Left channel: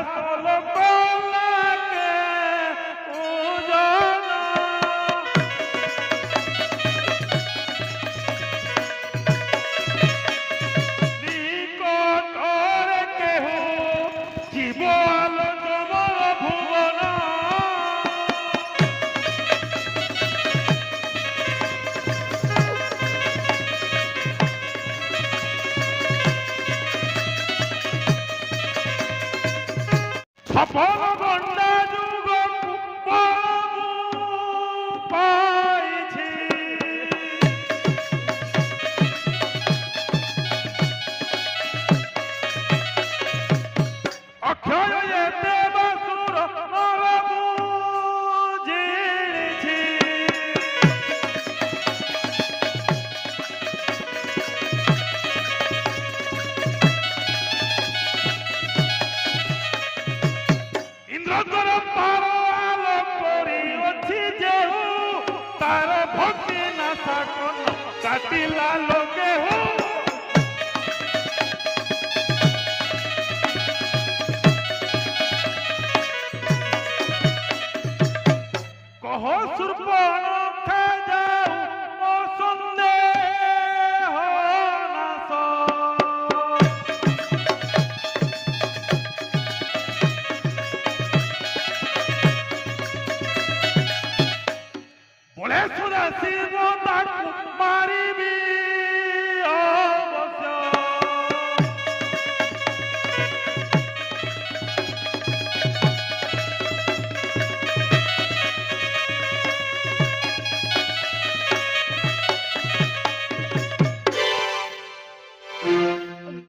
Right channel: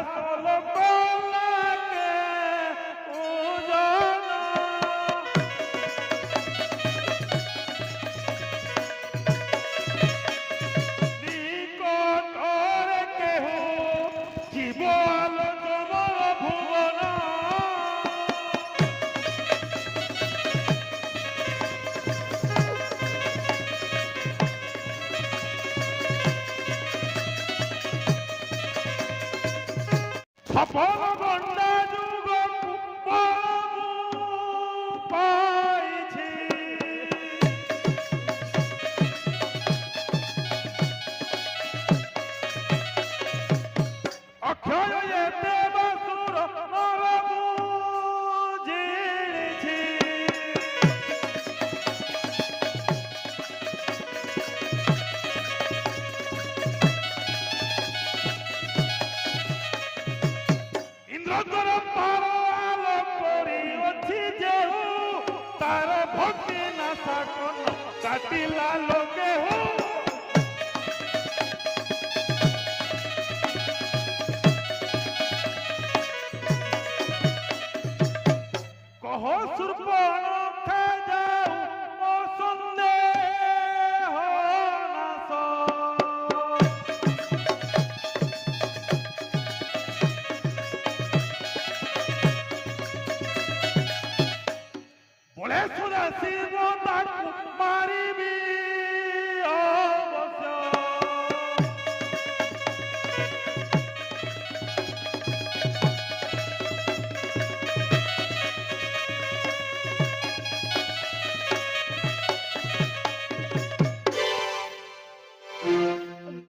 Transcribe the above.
আসল কলাকে উজানা নিকটরে কেহ জীব আলো জমর ভুবন সফল গণ্ডা যুগ পাইছি অক্ষয় এতে বাসুর নরমু জিনিছি ইন্দ্রধর তার আলো করিଅছি যেহু তার ভক্তি নাশা কন কাটিলা লোকে হু